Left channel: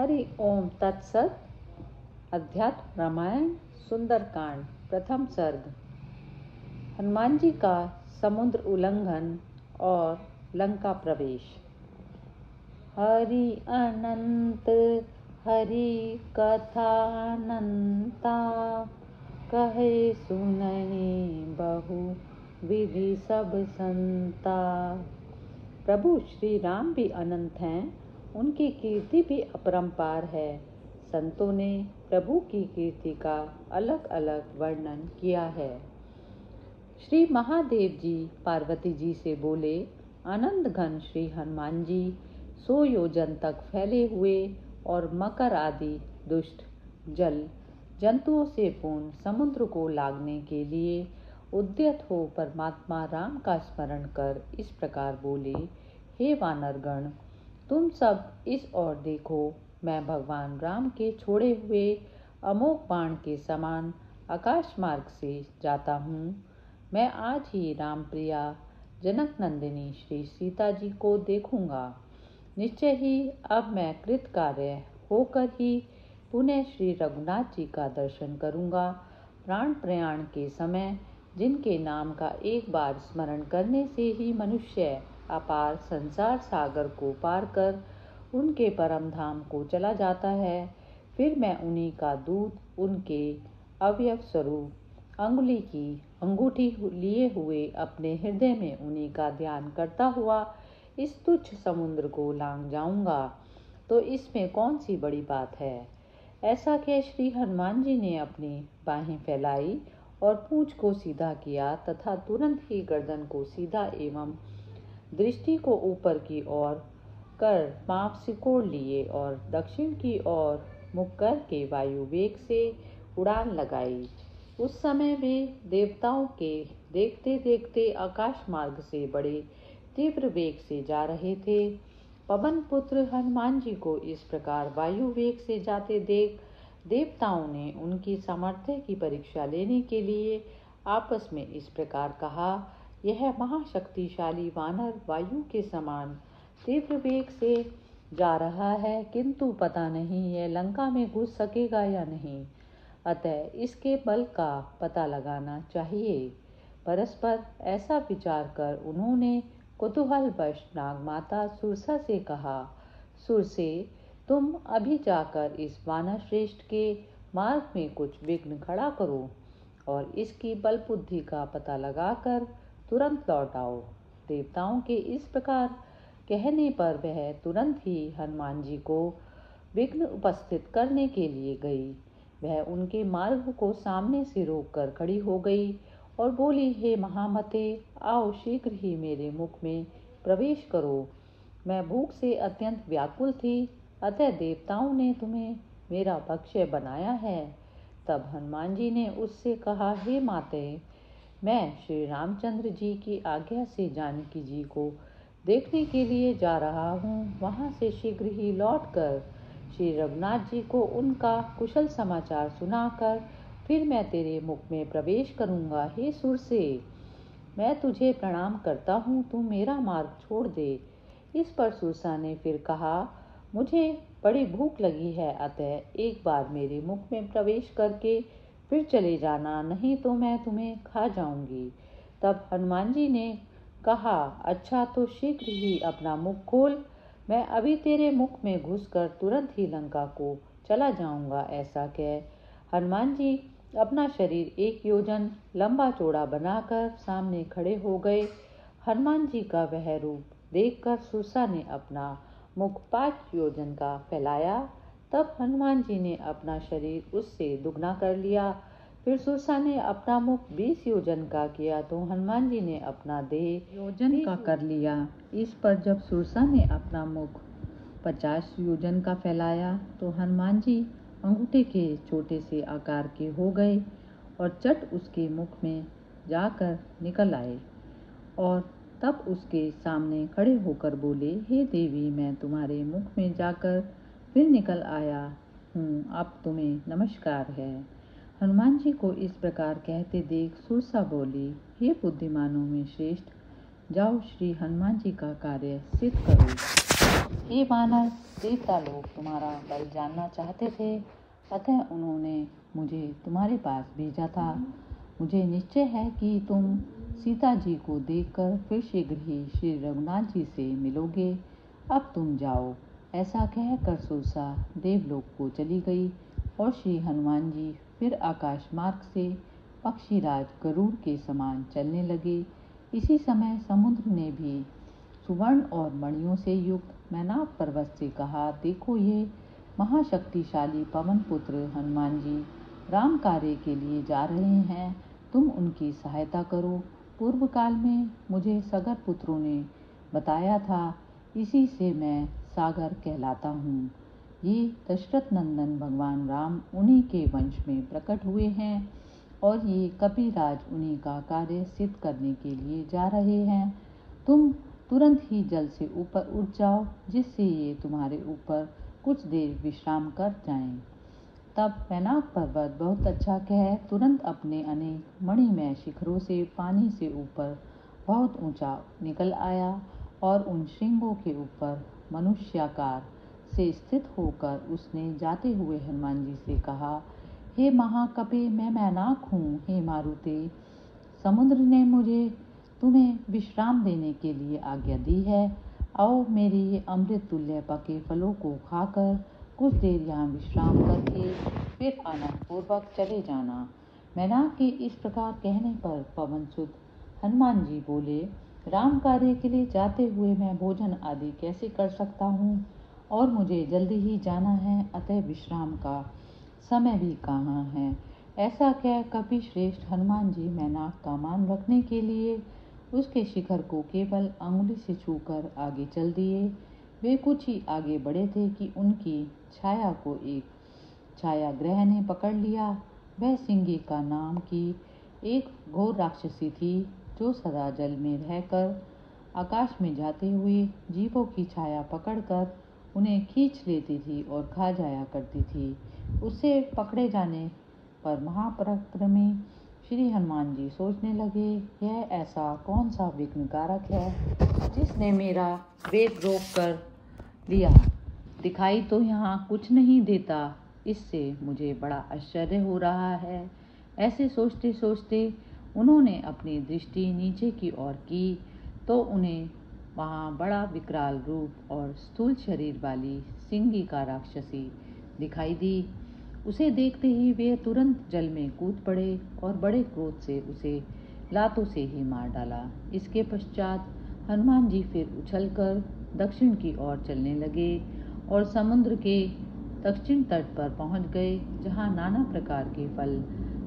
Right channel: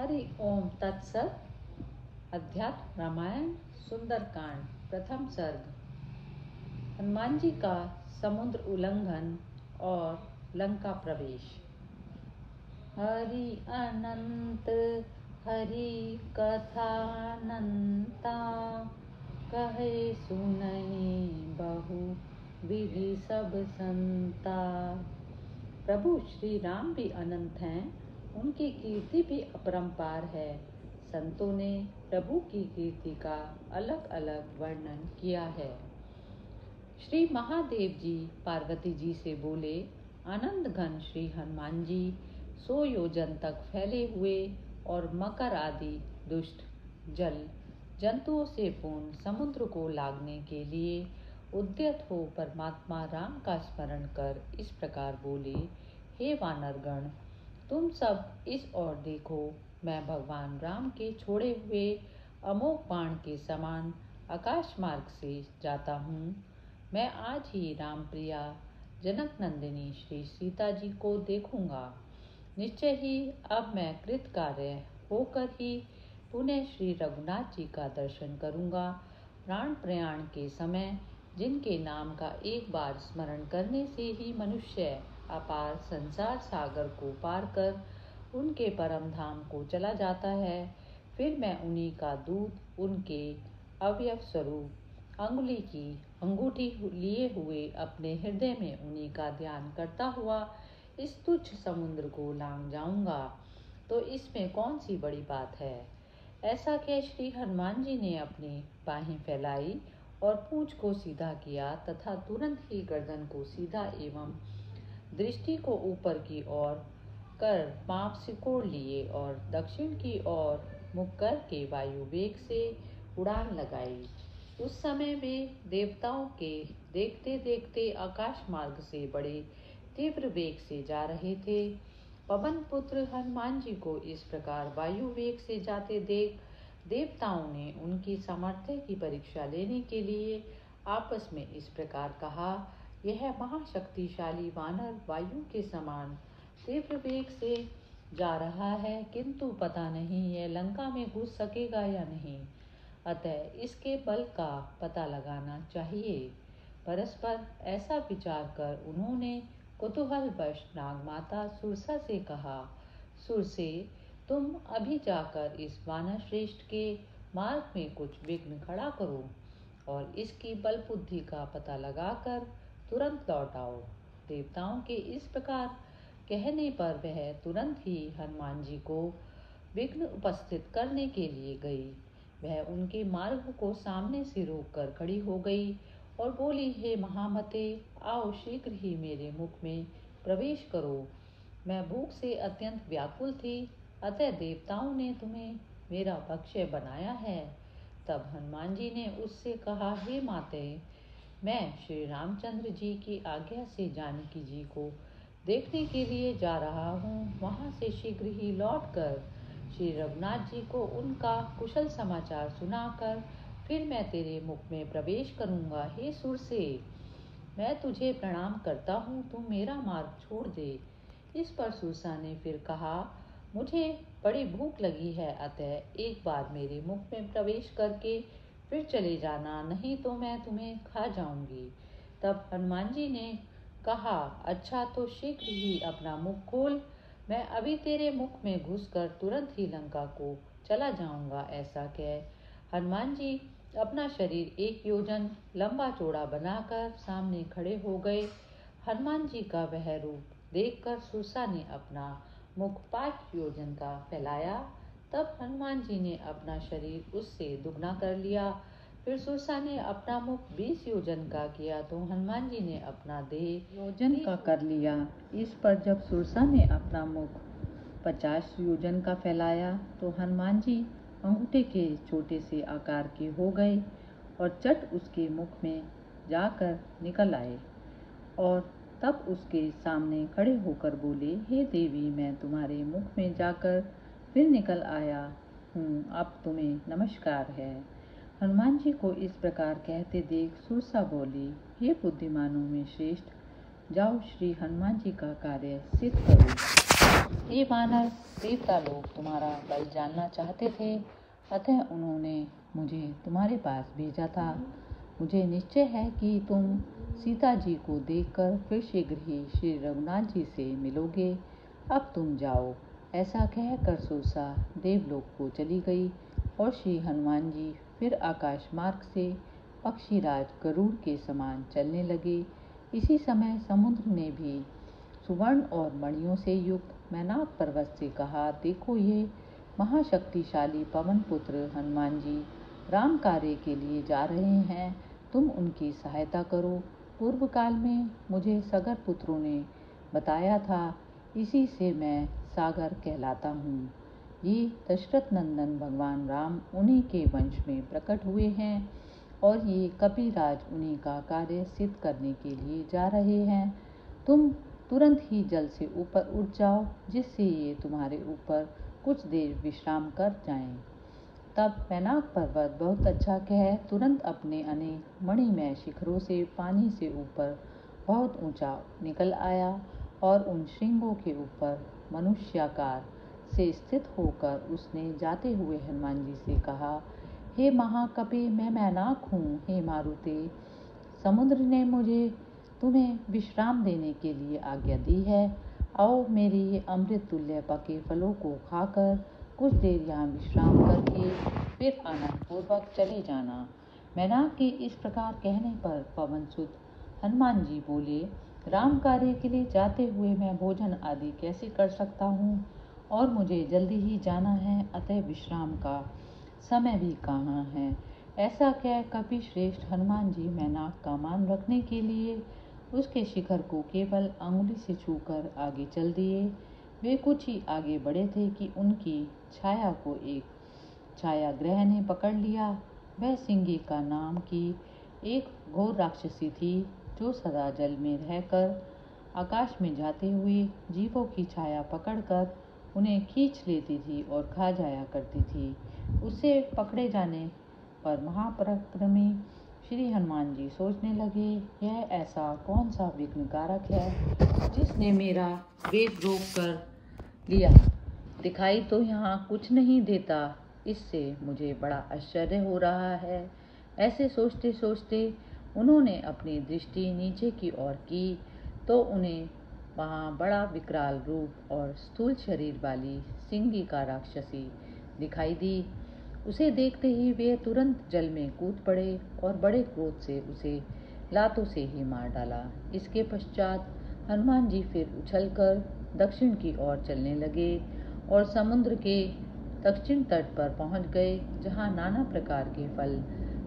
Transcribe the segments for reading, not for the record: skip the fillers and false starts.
हरि ओम तत्सत। अध्यात्म रामायण सुंदरकांड प्रथम सर्ग। हनुमान जी का समुद्र उल्लंघन और लंका प्रवेश। हरि अनंत हरि कथानंता, कहे सुनहि बहु विधि सब संता। प्रभु श्री राम भी अनंत हैं, उनकी कीर्ति भी अपरंपार है। संतों ने प्रभु की कीर्ति का अलग अलग वर्णन किया है। श्री महादेव जी पार्वती जी से बोले, आनंद घन श्री हनुमान जी 100 योजन तक फैले हुए और मकर आदि दुष्ट जल जंतुओं से पूर्ण समुद्र को लागने के लिए उद्यत हो परमात्मा राम का स्मरण कर इस प्रकार बोले, हे वानरगण, तुम सब इस ओर देखो। मैं भगवान राम के छोड़े हुए अमोघ बाण के समान आकाश मार्ग से जाता हूँ। मैं आज ही राम प्रिया जनक नंदिनी श्री सीता जी को देखूंगा। निश्चय ही अब मैं कृत कार्य होकर ही पुनः श्री रघुनाथ जी का दर्शन करूंगा। प्राण प्रयाण के समय जिनके नाम का एक बार स्मरण करने से ही मनुष्य अपार संसार सागर को पार कर उनके परम धाम को चला जाता है, फिर मैं उन्हीं का दूत, उनके अवयव स्वरूप अंगुली की अंगूठी लिए हुए अपने हृदय में उन्हीं का ध्यान करता हुआ इस तुच्छ समुद्र को लांघ जाऊंगा। तो इसमें कौन सी बड़ी बात है। ऐसा कह श्री हनुमान जी ने अपनी बाहें फैलाई और पूंछ को सीधा किया तथा तुरंत ही गर्दन को सीधा एवं दृष्टि को ऊपर की ओर कर पांव सिकोड़ लिए और दक्षिण की ओर मुख करके वायु वेग से उड़ान लगाई। उस समय वे देवताओं के देखते देखते आकाश मार्ग से बड़े तीव्र वेग से जा रहे थे। पवन पुत्र हनुमान जी को इस प्रकार वायु वेग से जाते देख देवताओं ने उनकी सामर्थ्य की परीक्षा लेने के लिए आपस में इस प्रकार कहा, यह महाशक्तिशाली वानर वायु के समान तीव्र वेग से जा रहा है, किंतु पता नहीं यह लंका में घुस सकेगा या नहीं। अतः इसके बल का पता लगाना चाहिए। परस्पर ऐसा विचार कर उन्होंने कुतूहलवश नागमाता सुरसा से कहा, सुरसे, तुम अभी जाकर इस वानर श्रेष्ठ के मार्ग में कुछ विघ्न खड़ा करो और इसकी बल बुद्धि का पता लगाकर तुरंत लौट आओ। देवताओं के इस प्रकार कहने पर वह तुरंत ही हनुमान जी को विघ्न उपस्थित करने के लिए गई। वह उनके मार्ग को सामने से रोककर खड़ी हो गई और बोली, हे महामते, आओ शीघ्र ही मेरे मुख में प्रवेश करो। मैं भूख से अत्यंत व्याकुल थी, अतः देवताओं ने तुम्हें मेरा भक्ष्य बनाया है। तब हनुमान जी ने उससे कहा, हे माते, मैं श्री रामचंद्र जी की आज्ञा से जानकी जी को देखने के लिए जा रहा हूँ। वहाँ से शीघ्र ही लौटकर श्री रघुनाथ जी को उनका कुशल समाचार सुनाकर फिर मैं तेरे मुख में प्रवेश करूँगा। हे सुरसे, मैं तुझे प्रणाम करता हूँ, तू मेरा मार्ग छोड़ दे। इस पर सुरसा ने फिर कहा, मुझे बड़ी भूख लगी है, अतः एक बार मेरे मुख में प्रवेश करके फिर चले जाना, नहीं तो मैं तुम्हें खा जाऊंगी। तब हनुमान जी ने कहा, अच्छा तो शीघ्र ही अपना मुख खोल, मैं अभी तेरे मुख में घुसकर तुरंत ही लंका को चला जाऊंगा। ऐसा कह हनुमान जी अपना शरीर 1 योजन लंबा चौड़ा बनाकर सामने खड़े हो गए। हनुमान जी का वह रूप देखकर सुरसा ने अपना मुख 5 योजन का फैलाया। तब हनुमान जी ने अपना शरीर उससे दुगना कर लिया। फिर सुरसा ने अपना मुख 20 योजन का किया तो हनुमान जी ने अपना देह योजन का कर लिया। इस पर जब सुरसा ने अपना मुख 50 योजन का फैलाया तो हनुमान जी अंगूठे के छोटे से आकार के हो गए और चट उसके मुख में जाकर निकल आए और तब उसके सामने खड़े होकर बोले, हे देवी, मैं तुम्हारे मुख में जाकर फिर निकल आया हूँ, अब तुम्हें नमस्कार है। हनुमान जी को इस प्रकार कहते देख सुरसा बोली, हे बुद्धिमानों में श्रेष्ठ, जाओ श्री हनुमान जी का कार्य सिद्ध करो। हे वानर, देवता लोग तुम्हारा बल जानना चाहते थे, अतः उन्होंने मुझे तुम्हारे पास भेजा था। मुझे निश्चय है कि तुम सीता जी को देखकर फिर शीघ्र ही श्री रघुनाथ जी से मिलोगे। अब तुम जाओ। ऐसा कहकर सुरसा देवलोक को चली गई और श्री हनुमान जी फिर आकाश मार्ग से पक्षीराज गरुड़ के समान चलने लगे। इसी समय समुद्र ने भी सुवर्ण और मणियों से युक्त मैनाक पर्वत से कहा, देखो ये महाशक्तिशाली पवन पुत्र हनुमान जी राम कार्य के लिए जा रहे हैं, तुम उनकी सहायता करो। पूर्व काल में मुझे सगर पुत्रों ने बताया था, इसी से मैं सागर कहलाता हूँ। ये दशरथ नंदन भगवान राम उन्हीं के वंश में प्रकट हुए हैं और ये कपिराज उन्हीं का कार्य सिद्ध करने के लिए जा रहे हैं। तुम तुरंत ही जल से ऊपर उठ जाओ, जिससे ये तुम्हारे ऊपर कुछ देर विश्राम कर जाएं। तब मैनाक पर्वत बहुत अच्छा कह तुरंत अपने अनेक मणिमय शिखरों से पानी से ऊपर बहुत ऊंचा निकल आया और उन श्रृंगों के ऊपर मनुष्याकार से स्थित होकर उसने जाते हुए हनुमान जी से कहा, हे महाकपि, मैं मैनाक हूँ। हे मारुति, समुद्र ने मुझे तुम्हें विश्राम देने के लिए आज्ञा दी है। आओ, मेरे ये अमृत तुल्य पके फलों को खाकर कुछ देर यहाँ विश्राम करके फिर आनंदपूर्वक चले जाना। मैनाक के इस प्रकार कहने पर पवनसुत हनुमान जी बोले, राम कार्य के लिए जाते हुए मैं भोजन आदि कैसे कर सकता हूँ, और मुझे जल्दी ही जाना है, अतः विश्राम का समय भी कहाँ है। ऐसा कह कपि श्रेष्ठ हनुमान जी मैनाक का मान रखने के लिए उसके शिखर को केवल अंगुली से छूकर आगे चल दिए। वे कुछ ही आगे बढ़े थे कि उनकी छाया को एक छायाग्रह ने पकड़ लिया। वह सिंगिका नाम की एक घोर राक्षसी थी, जो सदा जल में रहकर आकाश में जाते हुए जीवों की छाया पकड़कर उन्हें खींच लेती थी और खा जाया करती थी। उससे पकड़े जाने पर महापराक्रमी श्री हनुमान जी सोचने लगे, यह ऐसा कौन सा विघ्न कारक है जिसने मेरा वेग रोक कर लिया। दिखाई तो यहाँ कुछ नहीं देता, इससे मुझे बड़ा आश्चर्य हो रहा है। ऐसे सोचते सोचते उन्होंने अपनी दृष्टि नीचे की ओर की तो उन्हें वहाँ बड़ा विकराल रूप और स्थूल शरीर वाली सिंगिका राक्षसी दिखाई दी। उसे देखते ही वे तुरंत जल में कूद पड़े और बड़े क्रोध से उसे लातों से ही मार डाला। इसके पश्चात हनुमान जी फिर उछलकर दक्षिण की ओर चलने लगे और समुद्र के दक्षिण तट पर पहुंच गए, जहां नाना प्रकार के फल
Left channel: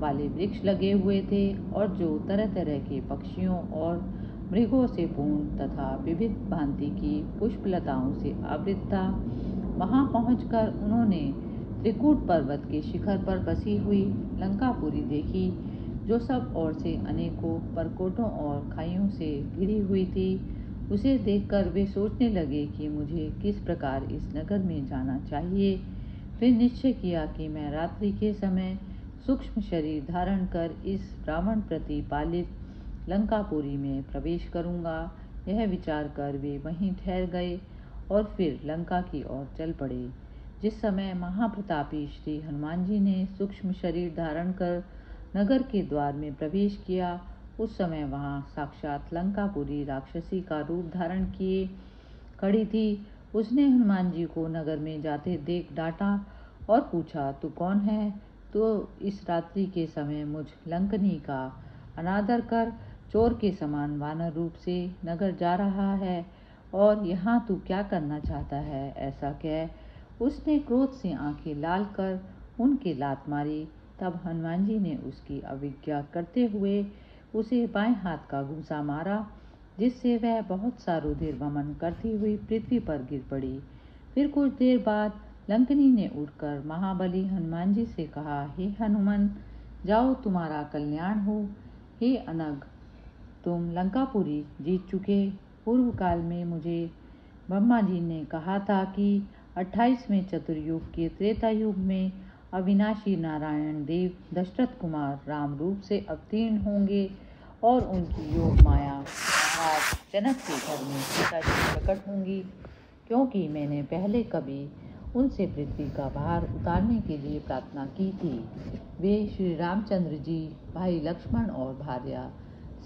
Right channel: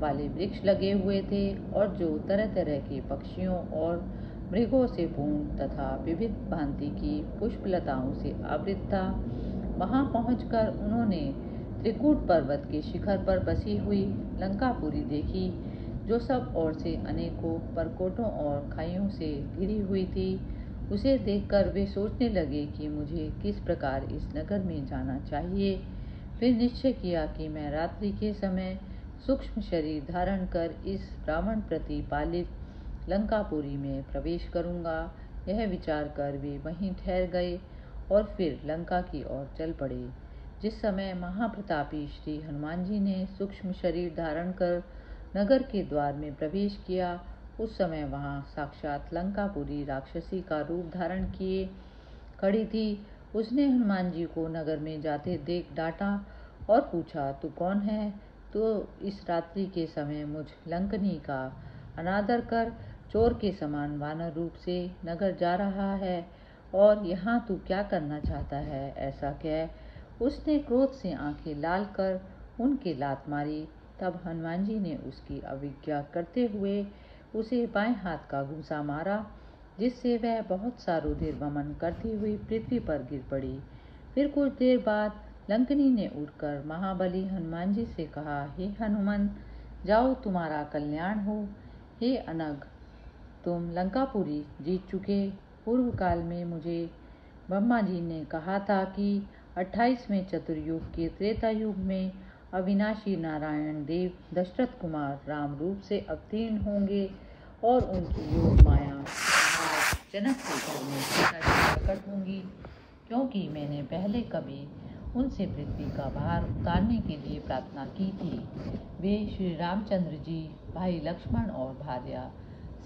वाले वृक्ष लगे हुए थे और जो तरह तरह के पक्षियों और मृगों से पूर्ण तथा विविध भांति की पुष्पलताओं से आवृत था। वहां पहुंचकर उन्होंने त्रिकूट पर्वत के शिखर पर बसी हुई लंकापुरी देखी, जो सब ओर से अनेकों परकोटों और खाइयों से घिरी हुई थी। उसे देखकर वे सोचने लगे कि मुझे किस प्रकार इस नगर में जाना चाहिए। फिर निश्चय किया कि मैं रात्रि के समय सूक्ष्म शरीर धारण कर इस रावण प्रति पालित लंकापुरी में प्रवेश करूंगा। यह विचार कर वे वहीं ठहर गए और फिर लंका की ओर चल पड़े। जिस समय महाप्रतापी श्री हनुमान जी ने सूक्ष्म शरीर धारण कर नगर के द्वार में प्रवेश किया, उस समय वहां साक्षात लंकापुरी राक्षसी का रूप धारण किए खड़ी थी। उसने हनुमान जी को नगर में जाते देख डांटा और पूछा, तू कौन है? तो इस रात्रि के समय मुझ लंकनी का अनादर कर चोर के समान वानर रूप से नगर जा रहा है, और यहाँ तू क्या करना चाहता है? ऐसा कह उसने क्रोध से आंखें लाल कर उनके लात मारी। तब हनुमान जी ने उसकी अवज्ञा करते हुए उसे बाएं हाथ का घूंसा मारा, जिससे वह बहुत सा रुधिर वमन करती हुई पृथ्वी पर गिर पड़ी। फिर कुछ देर बाद लंकनी ने उठकर महाबली हनुमान जी से कहा, हे हनुमान, जाओ, तुम्हारा कल्याण हो। हे अनग, तुम लंकापुरी जीत चुके। पूर्व काल में मुझे ब्रह्मा जी ने कहा था कि 28वें चतुर्युग के त्रेता युग में अविनाशी नारायण देव दशरथ कुमार राम रूप से अवतीर्ण होंगे और उनकी योग माया महाराज जनक के घर में सीता जी प्रकट होंगी। क्योंकि मैंने पहले कभी उनसे पृथ्वी का भार उतारने के लिए प्रार्थना की थी। वे श्री रामचंद्र जी, भाई लक्ष्मण और भार्या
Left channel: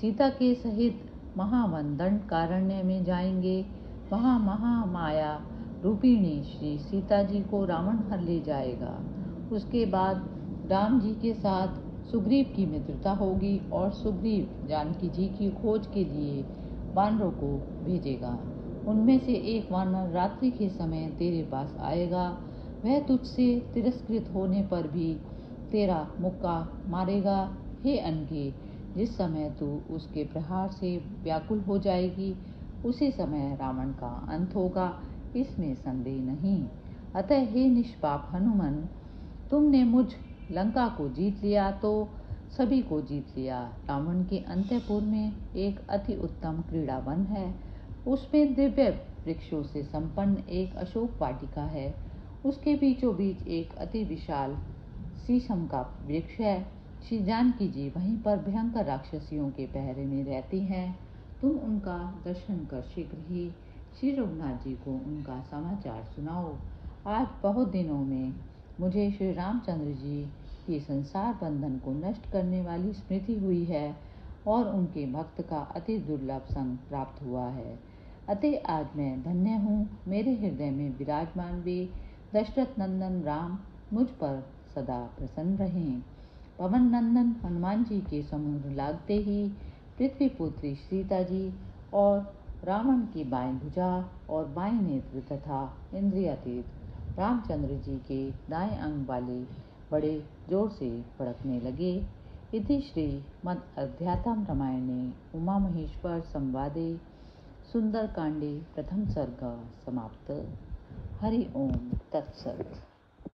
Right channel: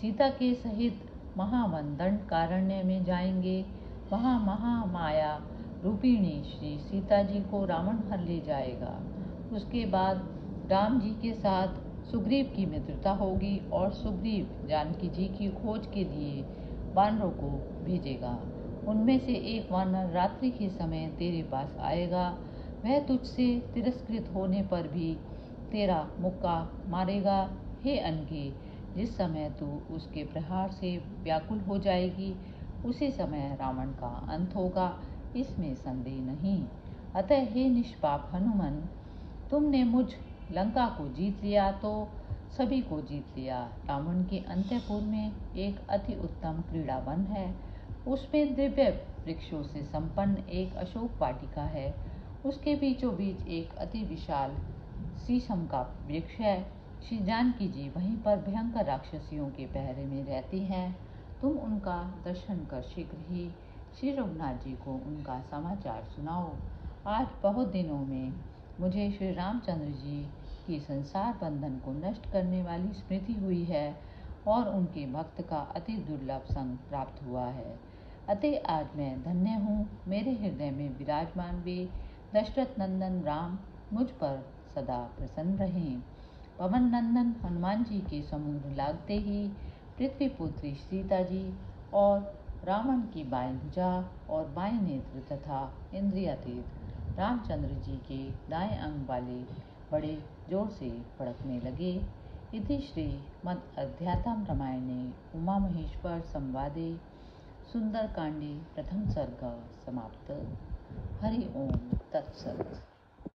सीता के सहित महावन दंडकारण्य में जाएंगे। वहाँ महामाया रूपिणी श्री सीता जी को रावण हर ले जाएगा। उसके बाद राम जी के साथ सुग्रीव की मित्रता होगी और सुग्रीव जानकी जी की खोज के लिए वानरों को भेजेगा। उनमें से एक वानर रात्रि के समय तेरे पास आएगा। वह तुझसे तिरस्कृत होने पर भी तेरा मुक्का मारेगा। हे अनघे, जिस समय तू उसके प्रहार से व्याकुल हो जाएगी, उसी समय रावण का अंत होगा, इसमें संदेह नहीं। अतः हे निष्पाप हनुमान, तुमने मुझ लंका को जीत लिया तो सभी को जीत लिया। रावण के अंतःपुर में एक अति उत्तम क्रीड़ावन है। उसमें दिव्य वृक्षों से संपन्न एक अशोक वाटिका है। उसके बीचों बीच एक अति विशाल शीशम का वृक्ष है। श्री जानकी जी वहीं पर भयंकर राक्षसियों के पहरे में रहती हैं। तुम उनका दर्शन कर शीघ्र ही श्री रघुनाथ जी को उनका समाचार सुनाओ। आज बहुत दिनों में मुझे श्री रामचंद्र जी की संसार बंधन को नष्ट करने वाली स्मृति हुई है और उनके भक्त का अति दुर्लभ संग प्राप्त हुआ है। अतः आज मैं धन्य हूँ। मेरे हृदय में विराजमान वे दशरथ नंदन राम मुझ पर सदा प्रसन्न रहें। पवन नंदन हनुमान जी के समुद्र लागते ही पृथ्वी पुत्री सीता जी और रावण की बाएं भुजा और बाएं नेत्र तथा इंद्रियातीत रामचंद्र जी के दाएं अंग वाले बड़े जोर से फड़कने लगे। इति श्रीमद् अध्यात्म रामायणे उमा महेश्वर संवादे सुंदरकांडे प्रथम सर्ग समाप्त। हरि ओम तत्सत।